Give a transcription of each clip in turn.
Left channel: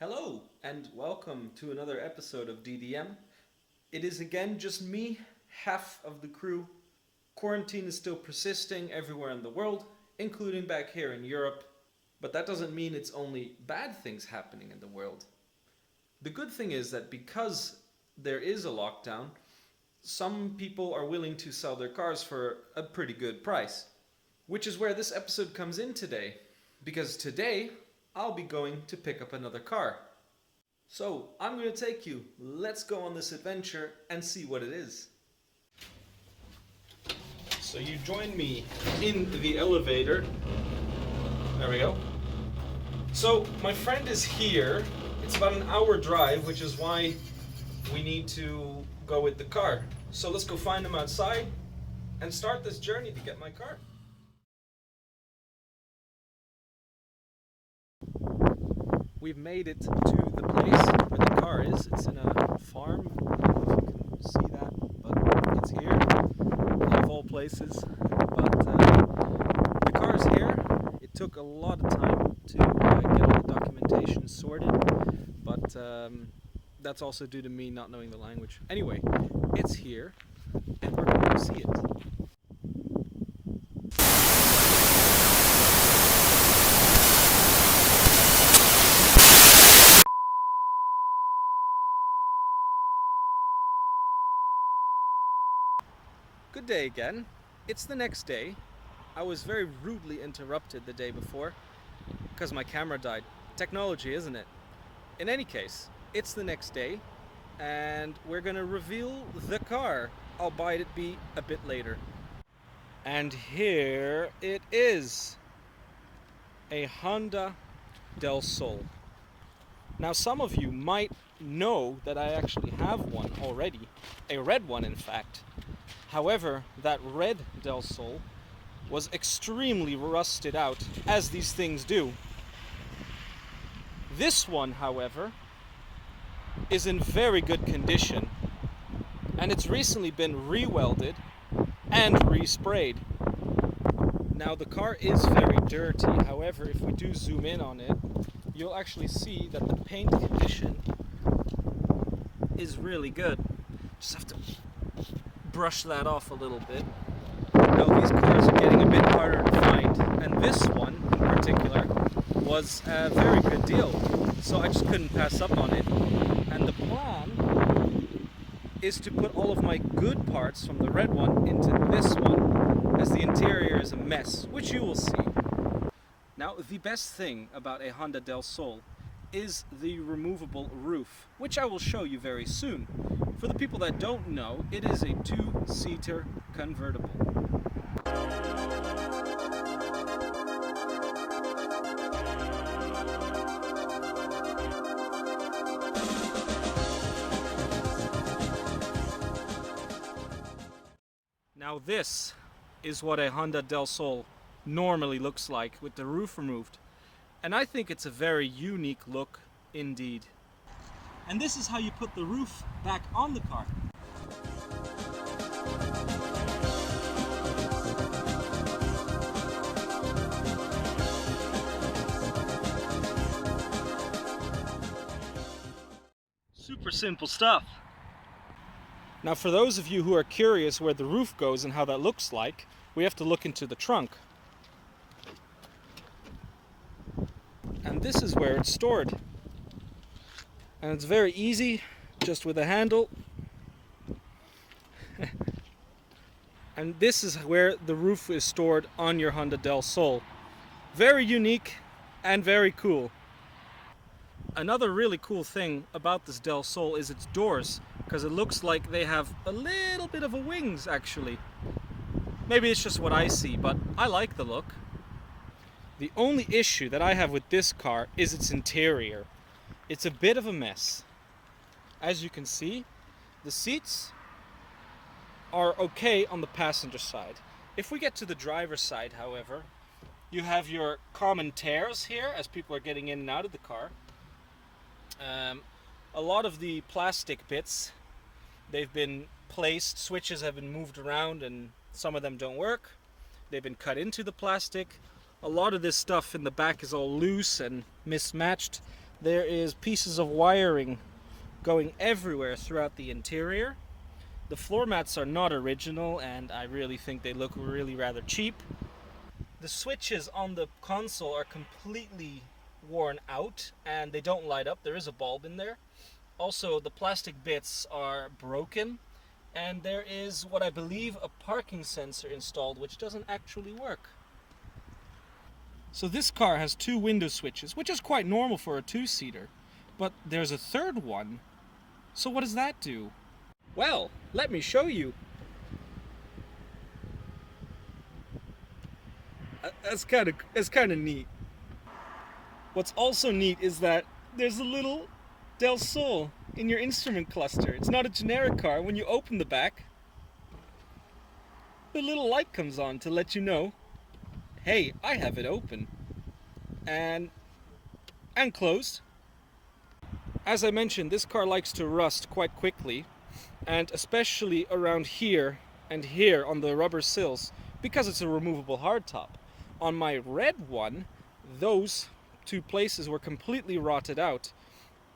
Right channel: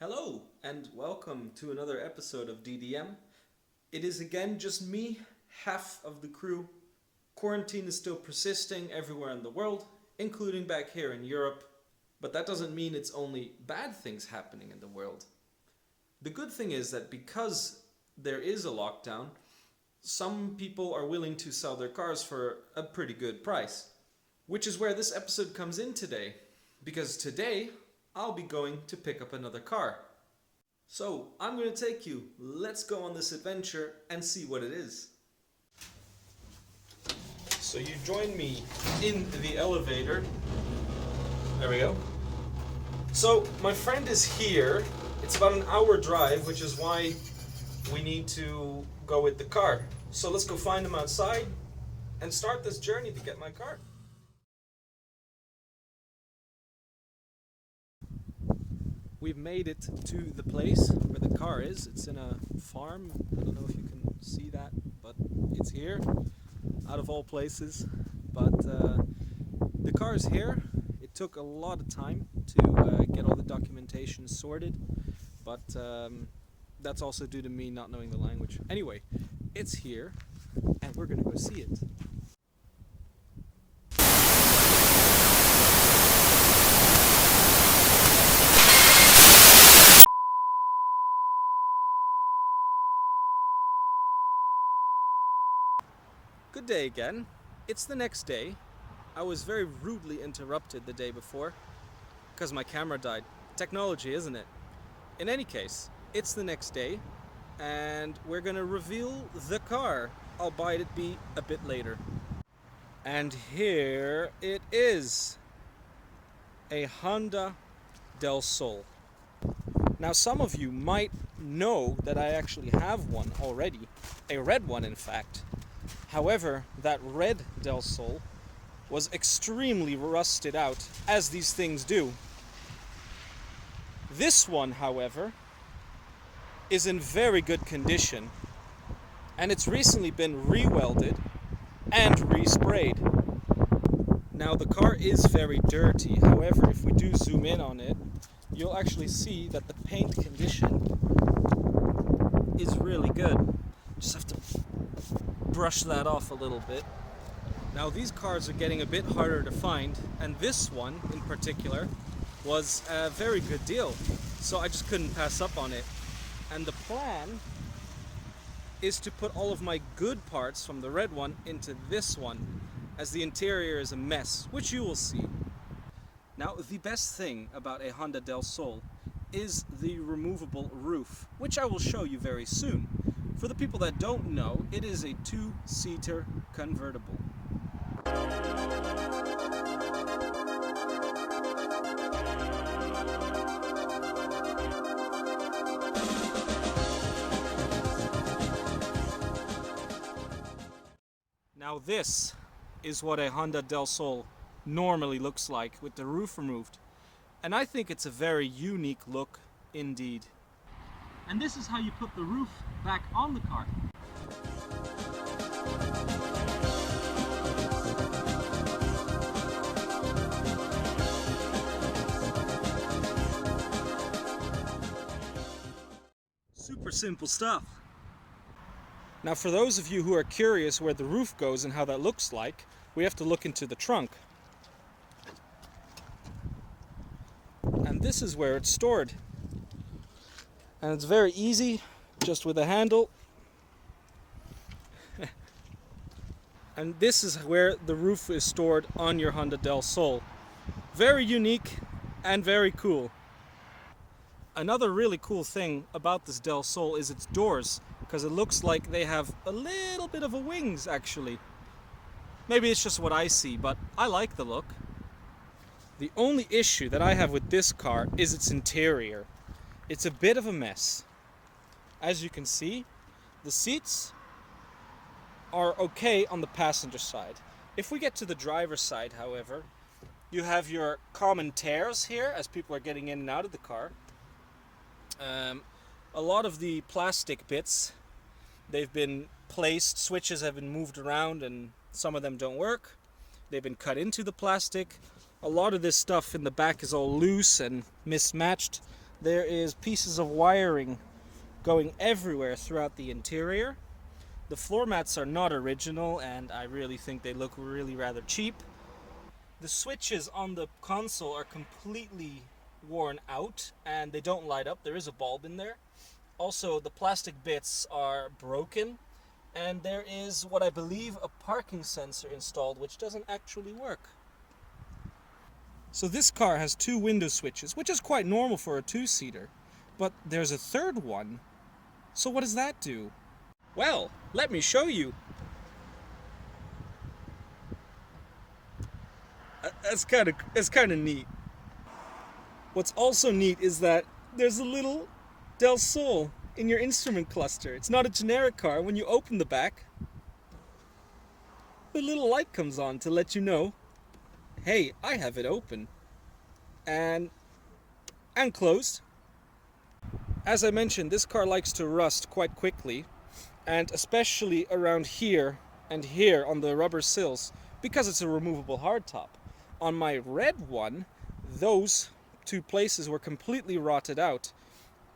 Hello, and welcome to another episode of DDM. It is again just me, half of the crew. Quarantine is still persisting everywhere in the world, including back here in Europe, but that doesn't mean it's only bad things happening in the world. The good thing is that because there is a lockdown, some people are willing to sell their cars for a pretty good price, which is where this episode comes in today, because today I'll be going to pick up another car. So I'm going to take you. Let's go on this adventure and see what it is. So you join me in the elevator. There we go. So my friend is here. It's about an hour drive, which is why we need to go with the car. So let's go find him outside and start this journey to get my car. We've made it to the place where the car is. It's in a farm. I don't know if you can see that, but it's here, of all places. But the car is here. It took a lot of time to get all the documentation sorted, but that's also due to me not knowing the language. Anyway, it's here, and we're going to see it. Good day again. It's the next day. I was very rudely interrupted the day before because my camera died. Technology, isn't it? In any case, it's the next day and we're gonna reveal the car, albeit it be a bit later. And here it is. A Honda del Sol. Now some of you might know that I actually have one already. A red one, in fact. However, that red Del Sol was extremely rusted out, as these things do. This one, however, is in very good condition, and it's recently been re-welded and resprayed. Now the car is very dirty, however, if we do zoom in on it, you'll actually see that the paint condition is really good. Just have to brush that off a little bit. Now these cars are getting a bit harder to find, and this one in particular was a very good deal, so I just couldn't pass up on it. And the plan is to put all of my good parts from the red one into this one, as the interior is a mess, which you will see. Now the best thing about a Honda del Sol is the removable roof, which I will show you very soon. For the people that don't know, it is a two-seater convertible. Now this is what a Honda del Sol normally looks like with the roof removed. And I think it's a very unique look indeed. And this is how you put the roof back on the car. Super simple stuff. Now for those of you who are curious where the roof goes and how that looks like, we have to look into the trunk. And this is where it's stored. And it's very easy, just with a handle. And this is where the roof is stored on your Honda del Sol. Very unique and very cool. Another really cool thing about this del Sol is its doors, because it looks like they have a little bit of a wings actually. Maybe it's just what I see, but I like the look. The only issue that I have with this car is its interior. It's a bit of a mess. As you can see, the seats are okay on the passenger side. If we get to the driver's side, however, you have your common tears here as people are getting in and out of the car. A lot of the plastic bits, they've been placed, switches have been moved around and some of them don't work. They've been cut into the plastic. A lot of this stuff in the back is all loose and mismatched. There is pieces of wiring going everywhere throughout the interior. The floor mats are not original, and I really think they look really rather cheap. The switches on the console are completely worn out and they don't light up. There is a bulb in there. Also, the plastic bits are broken, and there is what I believe a parking sensor installed, which doesn't actually work. So this car has two window switches, which is quite normal for a two-seater. But there's a third one. So what does that do? Well, let me show you. That's kind of neat. What's also neat is that there's a little Del Sol in your instrument cluster. It's not a generic car. When you open the back, the little light comes on to let you know, hey, I have it open and closed. As I mentioned, this car likes to rust quite quickly, and especially around here and here on the rubber sills, because it's a removable hardtop. On my red one, those two places were completely rotted out.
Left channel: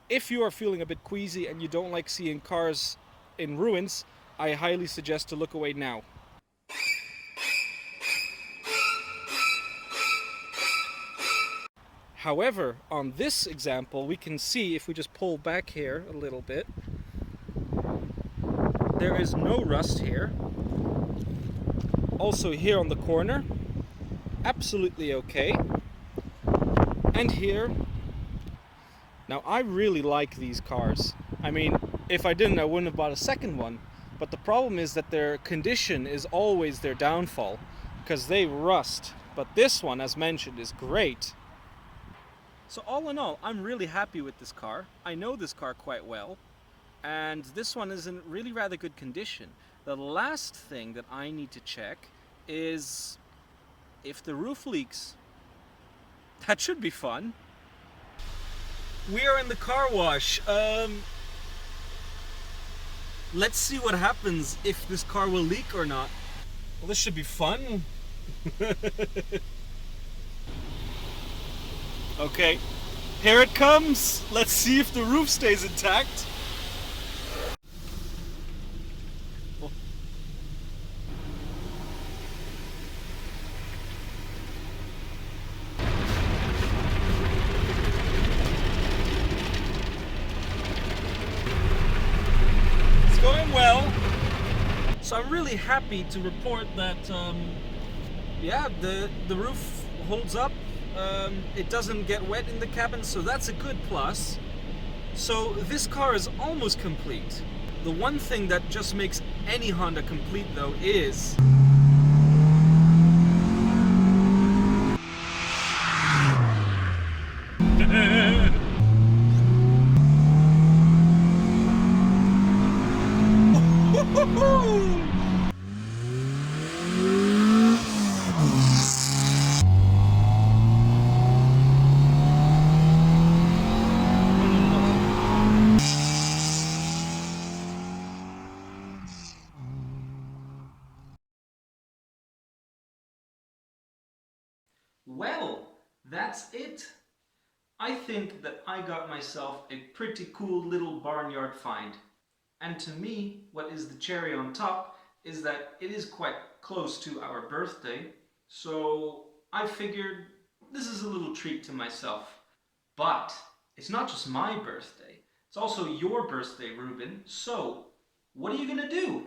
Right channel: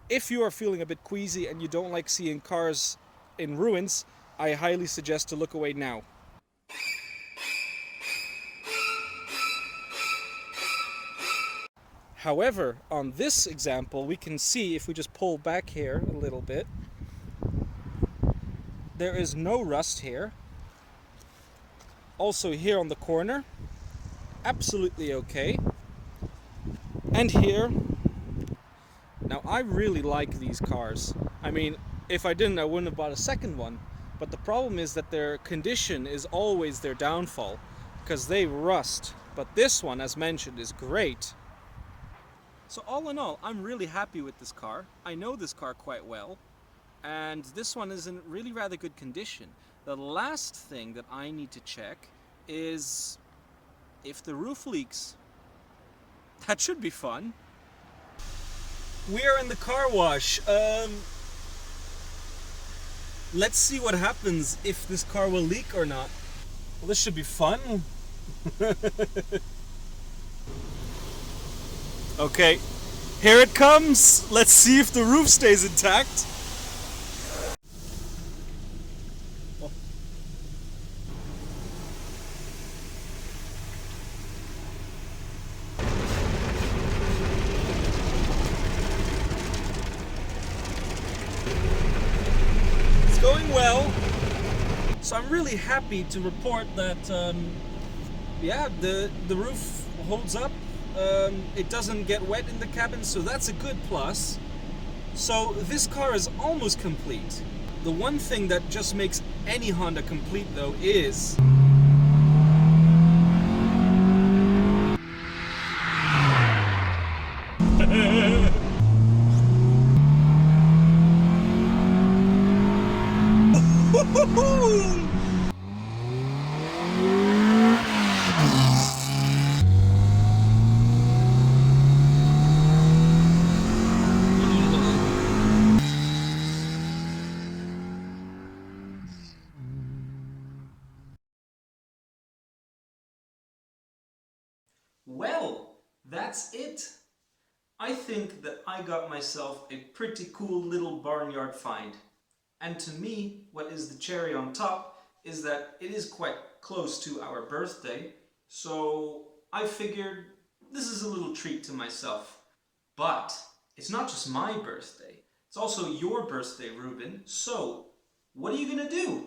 If you are feeling a bit queasy and you don't like seeing cars in ruins, I highly suggest to look away now. However, on this example, we can see, if we just pull back here a little bit, there is no rust here. Also here on the corner, absolutely okay. And here, now I really like these cars. I mean, if I didn't, I wouldn't have bought a second one. But the problem is that their condition is always their downfall, because they rust. But this one, as mentioned, is great. So all in all, I'm really happy with this car. I know this car quite well, and this one is in really rather good condition. The last thing that I need to check is if the roof leaks. That should be fun. We are in the car wash. Let's see what happens if this car will leak or not. Well, this should be fun. Okay, here it comes. Let's see if the roof stays intact. It's going well. So I'm really happy to report that, yeah, the roof holds up. It doesn't get wet in the cabin, so that's a good plus. So this car is almost complete. The one thing that just makes any Honda complete, though, is well, that's it. I think that I got myself a pretty cool little barnyard find. And to me, what is the cherry on top is that it is quite close to our birthday. So I figured this is a little treat to myself. But it's not just my birthday. It's also your birthday, Ruben. So what are you gonna do?